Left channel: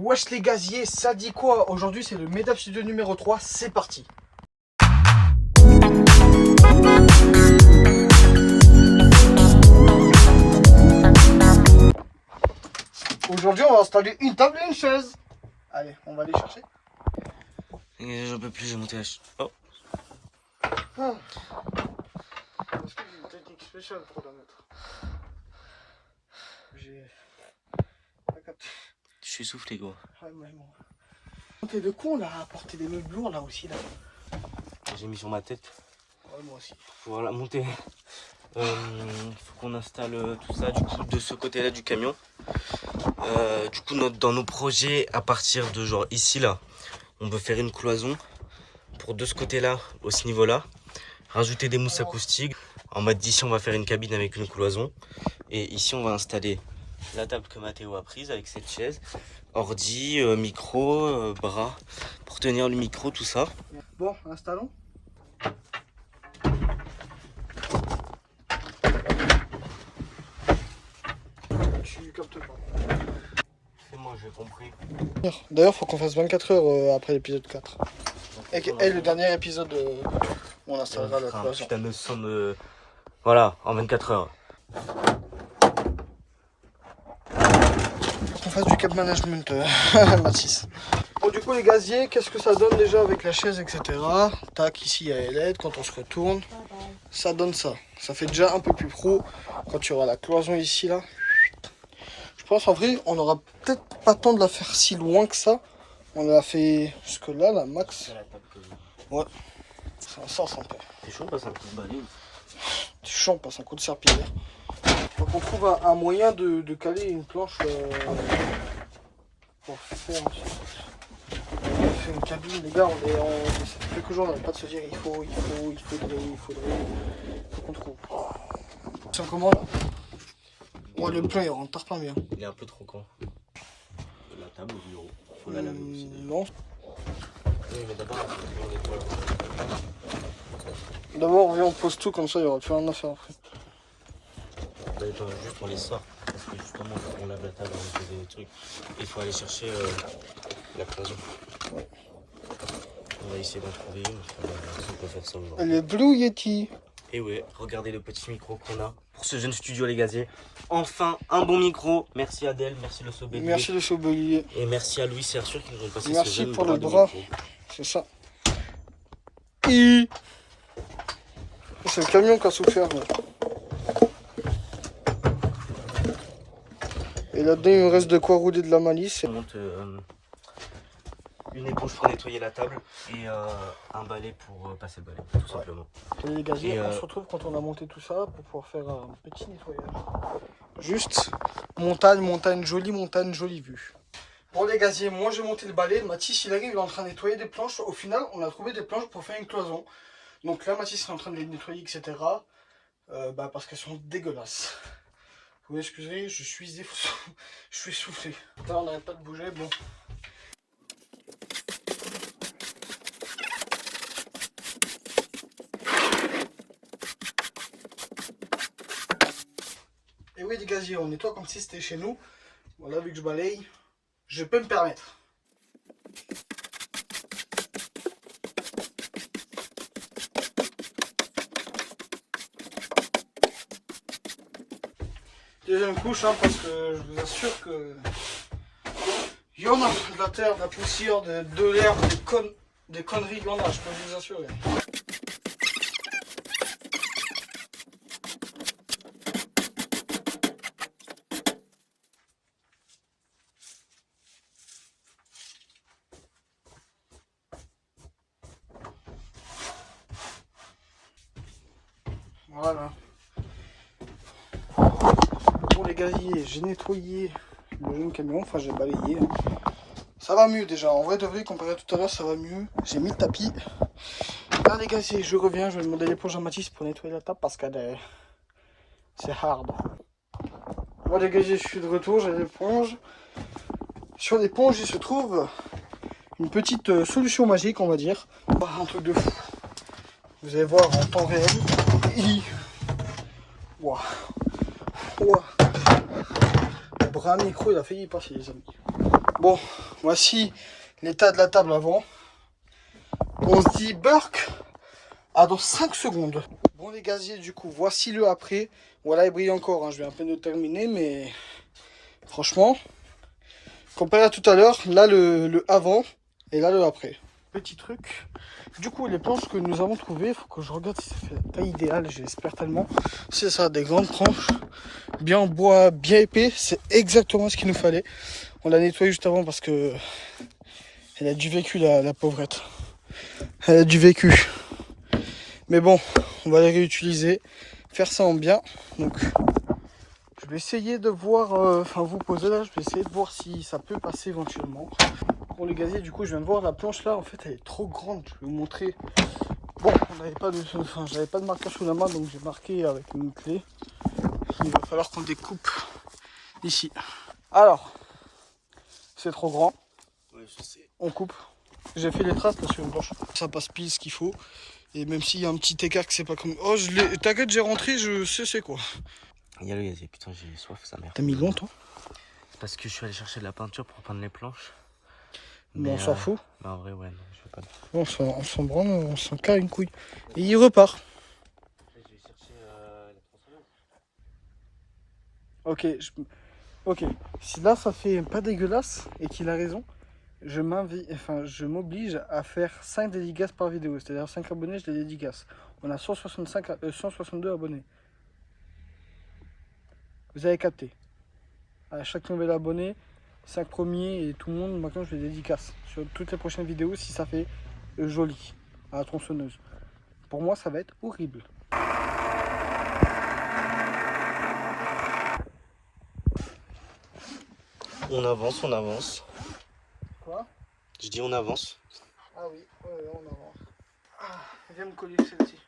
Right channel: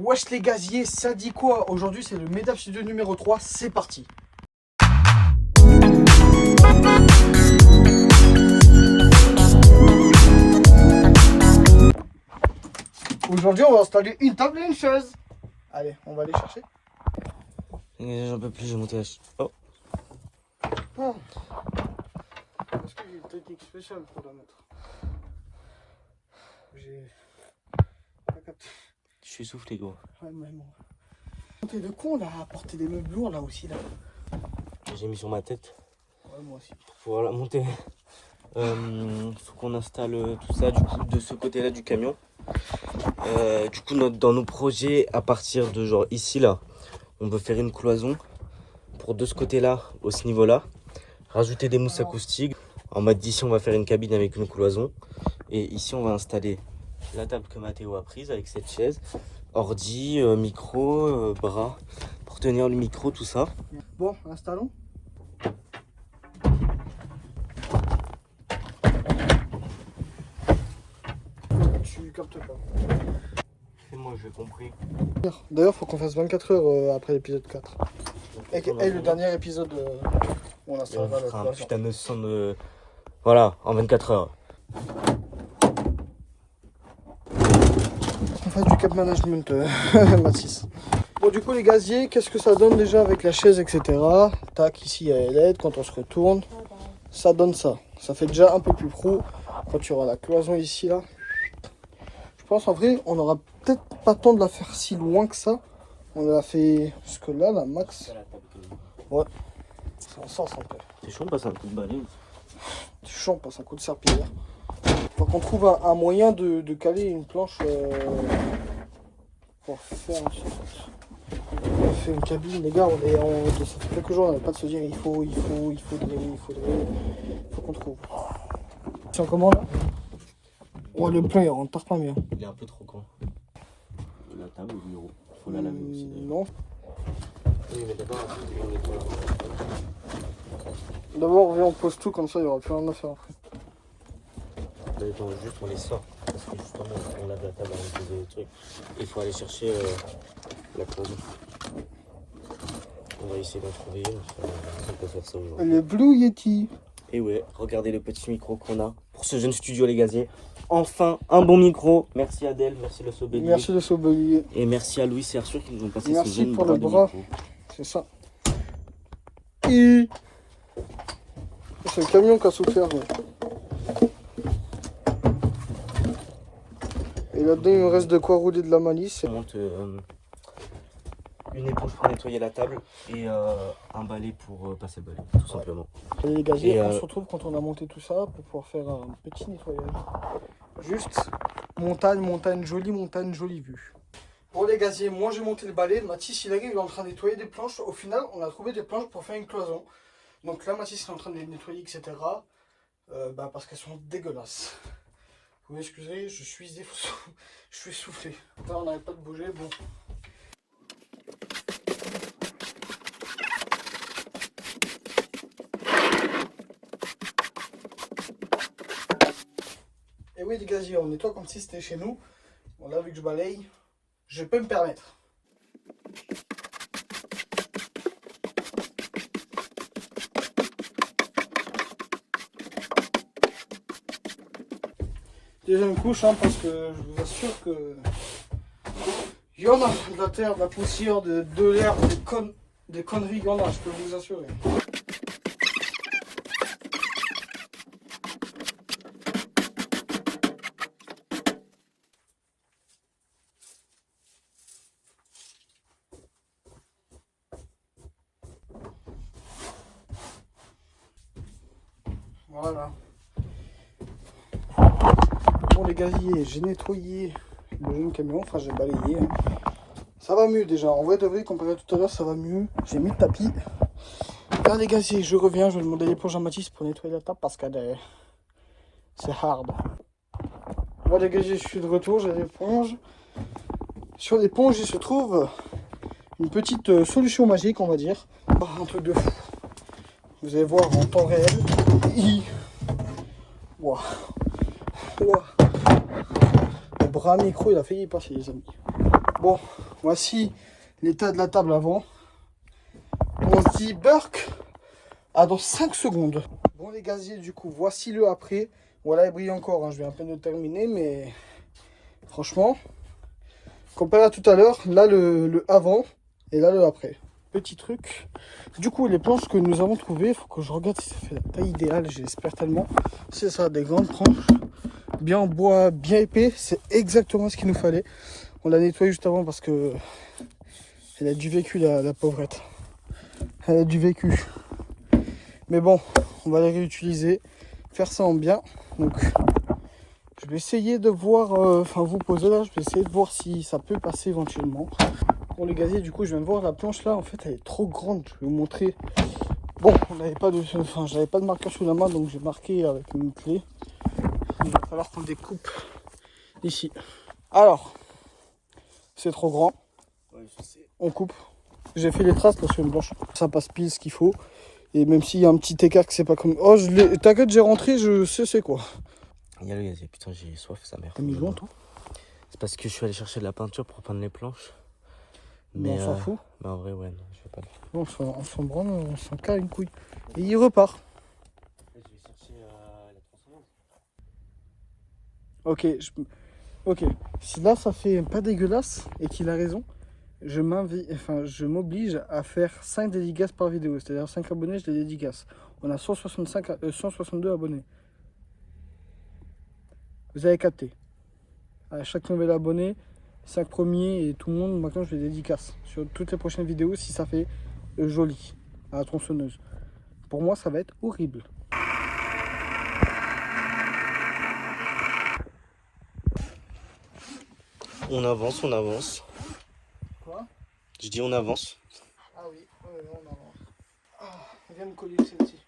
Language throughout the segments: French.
Wesh les gaziers, ça dit quoi? Aujourd'hui c'est le Medap Studio numéro 3, c'est parti. Aujourd'hui on va installer une table et une chaise. Allez, on va aller chercher. J'en peux plus, j'ai monté la chaise. Oh. Ah. Est-ce que j'ai une technique spéciale pour la mettre? J'ai pas capté. Je suis soufflé, gros. Ouais, mais bon. T'es de con là, à porter des meubles lourds là aussi là. J'ai mis sur ma tête. Ouais, moi aussi. Pour pouvoir la monter. Faut qu'on installe tout ça du coup de ce côté là du camion. Du coup dans nos projets à partir de genre ici là, on peut faire une cloison pour de ce côté là, au ce niveau là. Rajouter des mousses acoustiques. En mode d'ici on va faire une cabine avec une cloison. Et ici on va installer la table que Mathéo a prise avec cette chaise. Ordi, micro, bras pour tenir le micro, tout ça. Bon, installons. Tu captes pas. C'est moi, j'ai compris. D'ailleurs, faut qu'on fasse 24 heures après l'épisode 4. Et le dernier épisode, on installera la un cloison. putain de son de... Voilà, en 24 heures. Qu'on fasse du cap management, Mathis. Bon, du coup, les gaziers, qu'est-ce que ça donne déjà avec la chaise, etc. Tac, ici, il y a les LED. Quand on se retourne, ça donne ça. Ça fait déjà un peu plus pro. Quand tu auras la cloison ici, là. Je pense, en vrai, on aura peut-être pas le temps de la faire si loin que ça. On l'a fait jusque là, la max. Ouais. Ça en sens un peu. C'est chaud, on passe un coup de balai. C'est chaud, on passe un coup de serpillière. Faut qu'on trouve un moyen de caler une planche pour faire une cabine. Les gars, ça fait quelques jours, on n'arrête pas de se dire il faudrait qu'on trouve. Tiens, comment là? Ouais, le plan il rentre pas bien. Il est un peu trop grand. La table au bureau. Faut la laver aussi. Non. Oui, mais d'abord, D'abord, viens, on pose tout comme ça, il y aura plus rien à faire après. Juste on les sort. Parce que justement, on lave la table, on pose des trucs. Il faut aller chercher la cloison. Ouais. On va essayer d'en trouver une. On peut faire ça aujourd'hui. Le Blue Yeti. Et ouais, regardez le petit micro qu'on a pour ce jeune studio, les gaziers. Enfin, un bon micro. Merci Adèle, merci le Sobelier. Merci le Sobelier. Et merci à Louis Sersûr qui nous ont passé ce Merci jeune pour le de bras. micro. C'est ça. Et c'est le camion qui a souffert. Là. Et là-dedans, il me reste de quoi rouler de la malice. On monte une éponge pour nettoyer la table et un balai pour passer le balai, tout simplement. Les gaziers, on se retrouve quand on a monté tout ça pour pouvoir faire un petit nettoyage. Juste montagne, jolie vue. Bon les gaziers, moi j'ai monté le balai. Mathis il arrive, il est en train de nettoyer des planches. Au final, on a trouvé des planches pour faire une cloison. Donc là, Mathis est en train de les nettoyer, etc. Parce qu'elles sont dégueulasses. Vous m'excuserez, je suis soufflé. Là, on n'arrête pas de bouger. Bon. Et oui les gaziers, on nettoie comme si c'était chez nous. Bon là vu que je balaye, je peux me permettre. Deuxième couche parce que je vous assure que il y en a de la terre, de la poussière, de l'air, des conneries, il y en a, je peux vous assurer. Voilà. Bon les gaziers, j'ai nettoyé le jeune camion, enfin j'ai balayé. Hein. Ça va mieux déjà, en vrai de vrai, comparé à tout à l'heure, ça va mieux. J'ai mis le tapis. Là les gaziers, je reviens, je vais demander l'éponge à Mathis pour nettoyer la table parce qu'elle c'est hard. Bon les gaziers, je suis de retour, j'ai l'éponge. Sur l'éponge, il se trouve une petite solution magique, on va dire. Un truc de fou. Vous allez voir en temps réel. Wow. Wow. Le bras micro, il a failli y passer, les amis. Bon, Voici l'état de la table avant. On se dit Burke à dans 5 secondes. Bon les gaziers, du coup, voici le après. Voilà, il brille encore, hein. Je vais à peine de terminer, mais franchement, comparé à tout à l'heure, là le avant et là le après. Petit truc. Du coup, les planches que nous avons trouvées, il faut que je regarde si ça fait la taille idéale, j'espère tellement. C'est ça, des grandes planches, bien en bois, bien épais, c'est exactement ce qu'il nous fallait. On l'a nettoyé juste avant parce que elle a du vécu, la pauvrette. Elle a du vécu. Mais bon, on va les réutiliser, faire ça en bien. Donc, je vais essayer de voir, enfin vous poser là, je vais essayer de voir si ça peut passer éventuellement. Pour les gaziers, du coup, je viens de voir la planche là, en fait, elle est trop grande. Je vais vous montrer. Bon, on n'avait pas de, enfin, j'avais pas de marqueur sous la main, donc j'ai marqué avec une clé. Il va falloir qu'on découpe ici. Alors, c'est trop grand. Ouais, je sais. On coupe. J'ai fait les traces, là, c'est une blanche. Ça passe pile ce qu'il faut. Et même s'il y a un petit écart que c'est pas comme. Oh, t'inquiète, j'ai rentré, je sais c'est quoi. Il y a le gazier, putain, j'ai soif, sa mère. T'as mis long, toi? C'est parce que je suis allé chercher de la peinture pour peindre les planches. Mais on s'en fout. Mais en vrai, ouais, non, je vais pas. On s'en branle, on s'en carre une couille. Et il repart. Je vais chercher la transformante. Ok, ok. Si là ça fait pas dégueulasse et qu'il a raison, je m'oblige à faire 5 dédicaces par vidéo. C'est-à-dire 5 abonnés, je les dédicace. On a 162 abonnés. Vous avez capté. À chaque nouvel abonné, 5 premiers et tout le monde, maintenant je les dédicace. Sur toutes les prochaines vidéos, si ça fait joli à la tronçonneuse. Pour moi, ça va être horrible. On avance, on avance. Quoi? Je dis on avance. Ah oui, ouais, on avance. Ah, viens me coller celle-ci.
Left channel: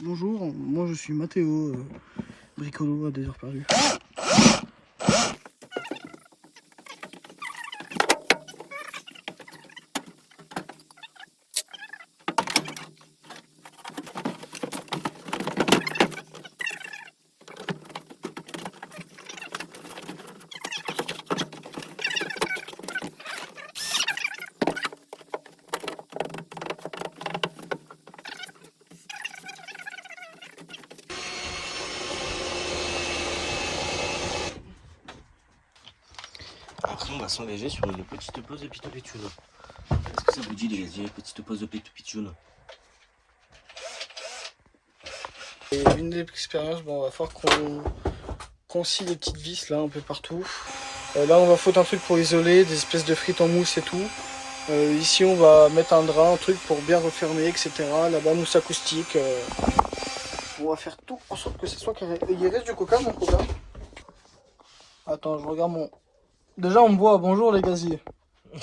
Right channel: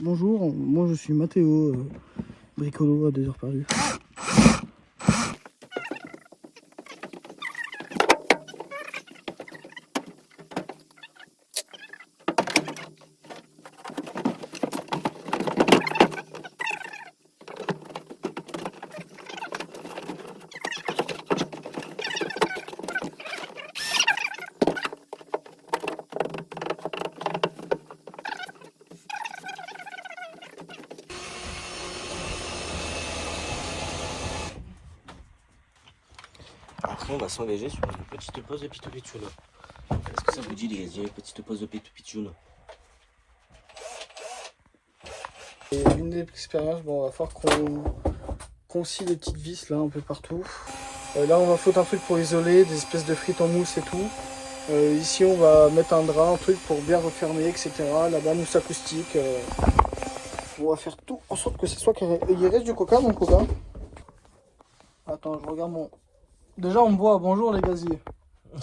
Bonjour, moi je suis Mathéo, bricolo à 2 heures perdues. Après, on va s'engager sur une petite pause de pitoupitchoune. Est-ce que ça vous dit, les gaziers, petite pause de pitoupitchoune? Et une des expériences, bon, on va falloir qu'on scie les petites vis là un peu partout. Là on va foutre un truc pour isoler, des espèces de frites en mousse et tout. Ici on va mettre un drap, un truc pour bien refermer, etc. Là-bas mousse acoustique. On va faire tout en sorte que ce soit carré. Il reste du coca, mon coca? Attends, je regarde mon... Déjà on me voit, bonjour les gaziers. Tu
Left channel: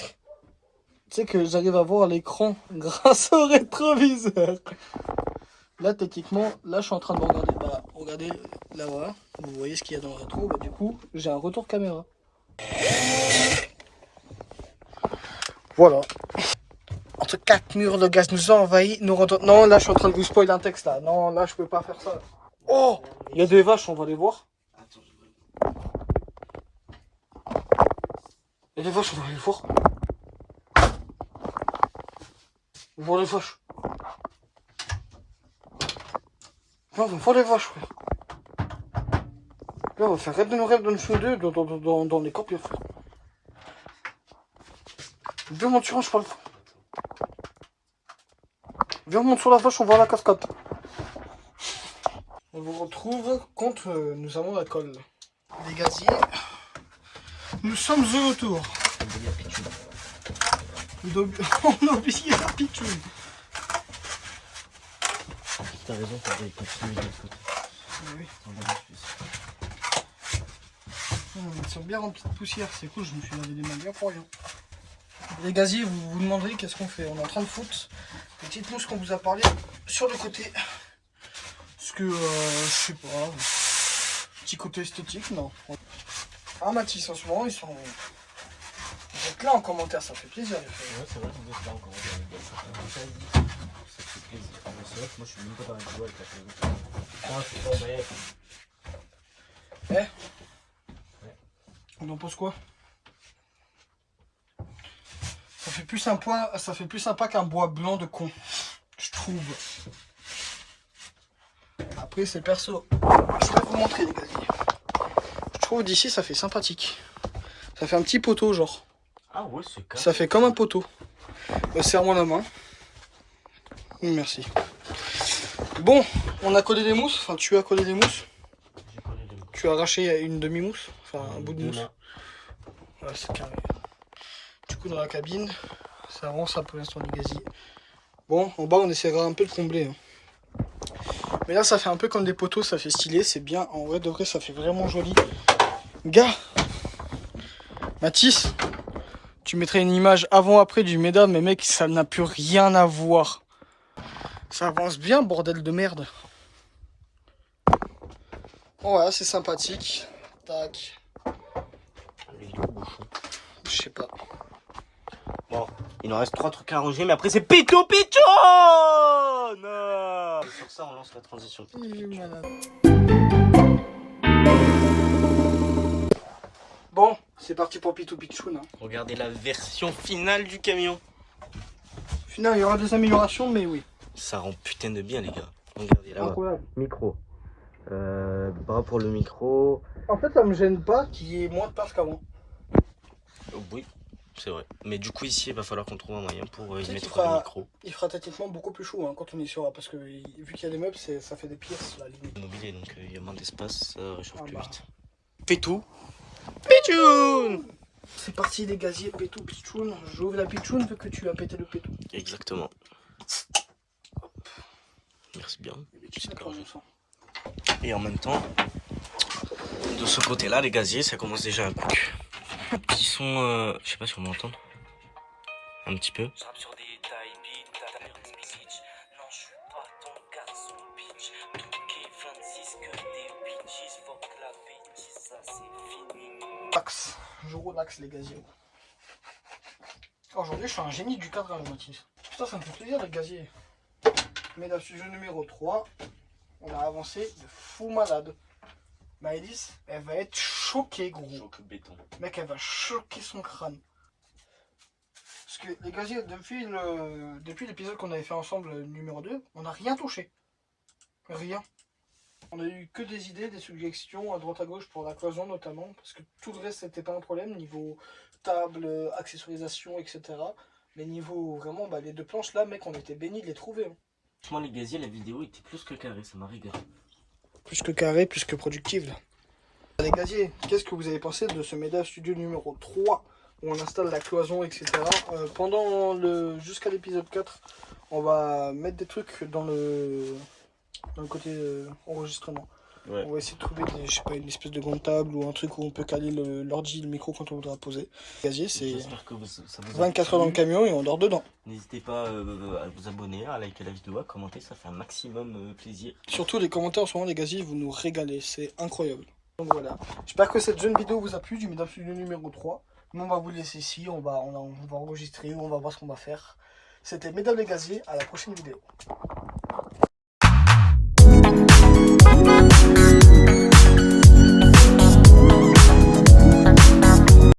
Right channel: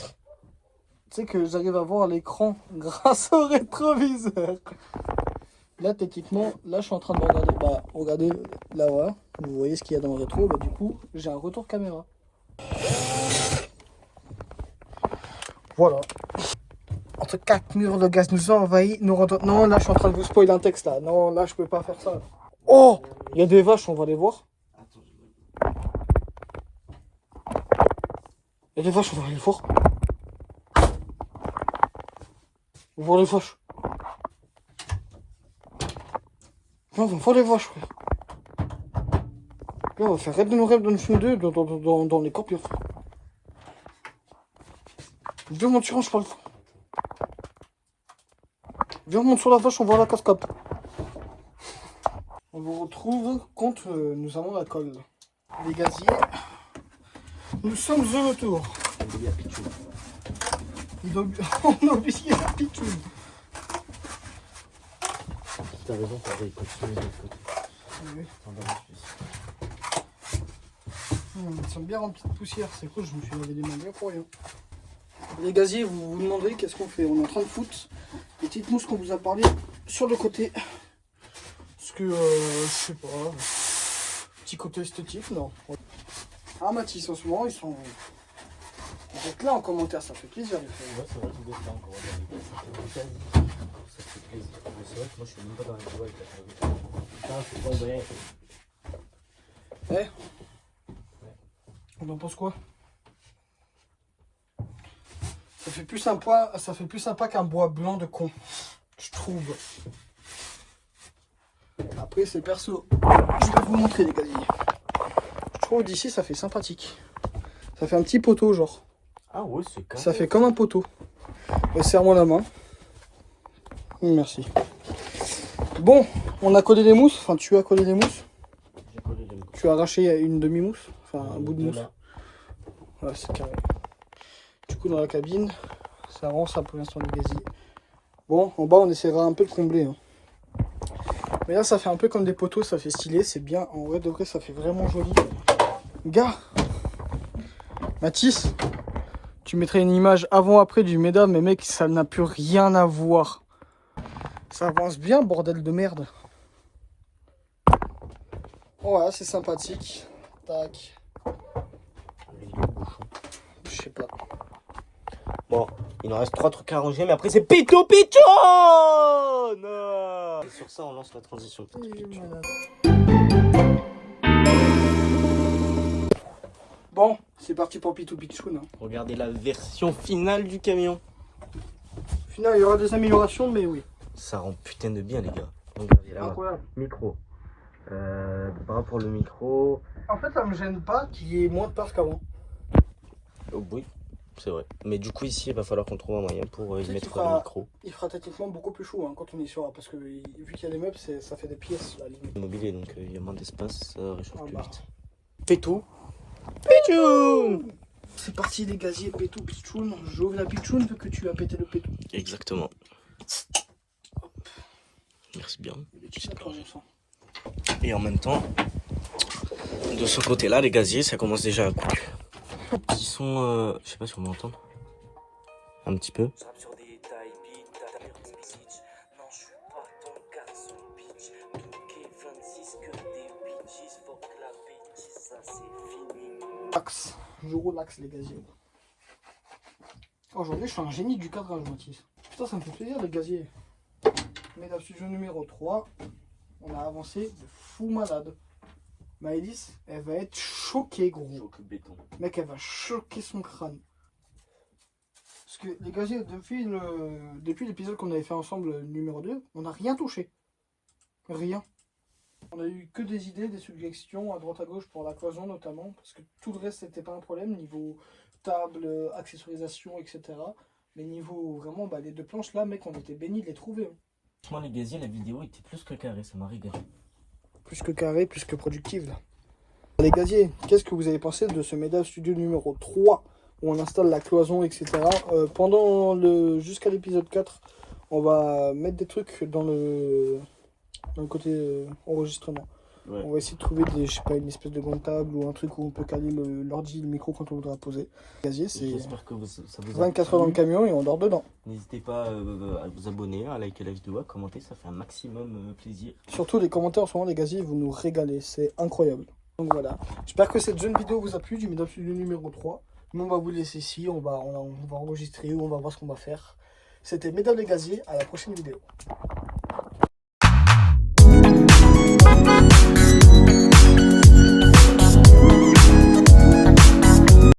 sais que j'arrive à voir l'écran grâce au rétroviseur. Là, techniquement, là, je suis en train de me regarder. Bah, regardez, là, voilà. Vous voyez ce qu'il y a dans le rétro. Bah, du coup, j'ai un retour caméra. Voilà. Entre 4 murs, le gaz nous a envahis. Non, là, je suis en train de vous spoiler un texte, là. Non, là, je peux pas faire ça. Oh, il y a des vaches, on va les voir. Il y a des vaches, on va aller les voir. On va voir les vaches. Viens, on va voir les vaches, frère. Viens, on va faire rêve de nos rêves dans le film 2 dans les copies, frère. Viens, mon tyran, je parle. Viens, on monte sur la vache, on va à la cascade. On vous retrouve quand nous avons la colle. Les gaziers, nous sommes de retour. On a oublié la pitchoune. T'as raison, t'as déjà continué de l'autre côté. Oui. Ils sont bien remplis de poussière, c'est cool, je me suis lavé les mains bien pour rien. Les gaziers, vous vous demandez qu'est-ce qu'on fait. On est en train de foutre les petites mousses qu'on vous a parlé sur le côté. Parce que, je sais pas, petit côté esthétique, non. Ah, Mathis, en ce moment, ils sont... Vous êtes là en commentaire, ça fait plaisir. Ouais, c'est vrai, tu dois faire encore ça fait plaisir. C'est vrai que moi, je suis même pas dans les jouets avec la chose. Eh, On en pense quoi? Ça fait plus sympa qu'un bois blanc de con, je trouve. Après c'est perso. Je vais vous montrer les gaziers. Je trouve d'ici ça fait sympathique. Ça fait un petit poteau genre. Ah ouais, c'est carré. Ça fait comme un poteau. Serre-moi la main. Merci. Bon, on a collé les mousses. Enfin, tu as collé les mousses. J'ai collé les mousses. Tu as arraché une demi-mousse. Enfin, un bout de mousse. Voilà, c'est carré. Du coup, dans la cabine, ça avance ça pour l'instant du gazier. Bon, en bas, on essaiera un peu de combler. Hein. Mais là, ça fait un peu comme des poteaux. Ça fait stylé. C'est bien. En vrai, de vrai, ça fait vraiment joli. Gars, Mathis, tu mettrais une image avant-après du méda, mais mec, ça n'a plus rien à voir. Ça avance bien, bordel de merde. Voilà, c'est sympathique. Tac. Je sais pas. Bon, il nous reste 3 trucs à ranger, mais après c'est Pito Piton. Sur ça, on lance la transition. Bon, c'est parti pour Pitou Pichoun. Hein. Regardez la version finale du camion. Au final, il y aura des améliorations, mais oui. Ça rend putain de bien, les gars. Regardez là-bas. Incroyable. Micro. Bras pour le micro. En fait, ça me gêne pas qu'il y ait moins de place qu'avant. Oh, oui, c'est vrai. Mais du coup, ici, il va falloir qu'on trouve un moyen pour y mettre le micro. Il fera techniquement beaucoup plus chaud hein, quand on y sera. Parce que vu qu'il y a les meubles, ça fait des pièces, la limite. Mobilier, donc il y a moins d'espace, ça réchauffe plus bah. vite. Fais tout. Pichoun. C'est parti les gaziers, Pétou, Pichoun. J'ouvre la Pichoun vu que tu as pété le Pétou. Exactement. Merci bien. Et en même temps, de ce côté-là, les gaziers, ça commence déjà à couler. Ils sont, je sais pas si on m'entend. Un petit peu. Relax. Je relaxe les gaziers. Aujourd'hui, je suis un génie du cadrage, Mathis. Putain, ça me fait plaisir les gaziers. Mesdames, sujet numéro 3. On a avancé de fou malade. Maëlys, elle va être choquée, gros. Choc béton. Mec, elle va choquer son crâne. Parce que les gaziers, depuis l'épisode qu'on avait fait ensemble, numéro 2, on n'a rien touché. Rien. On a eu que des idées, des suggestions à droite à gauche pour la cloison notamment. Parce que tout le reste, c'était pas un problème. Niveau table, accessorisation, etc. Mais niveau vraiment, bah, les deux planches là, mec, on était bénis de les trouver. Hein. Franchement, les gaziers, la vidéo était plus que carrée, ça m'a régalé. Plus que carré, plus que productive là. Les gaziers, qu'est-ce que vous avez pensé de ce MEDA Studio numéro 3 où on installe la cloison, etc. Jusqu'à l'épisode 4, on va mettre des trucs dans le côté enregistrement. Ouais. On va essayer de trouver je sais pas, une espèce de grande table ou un truc où on peut caler l'ordi, le micro quand on voudra poser. Gazier, c'est 24 heures dans le camion et on dort dedans. N'hésitez pas à vous abonner, à liker la vidéo, à commenter, ça fait un maximum plaisir. Surtout les commentaires en ce moment, les gaziers, vous nous régalez, c'est incroyable. Donc voilà, j'espère que cette jeune vidéo vous a plu du MEDA Studio numéro 3. Nous on va vous laisser ici, on va enregistrer, on va voir ce qu'on va faire. C'était Mesdames les gaziers, à la prochaine vidéo.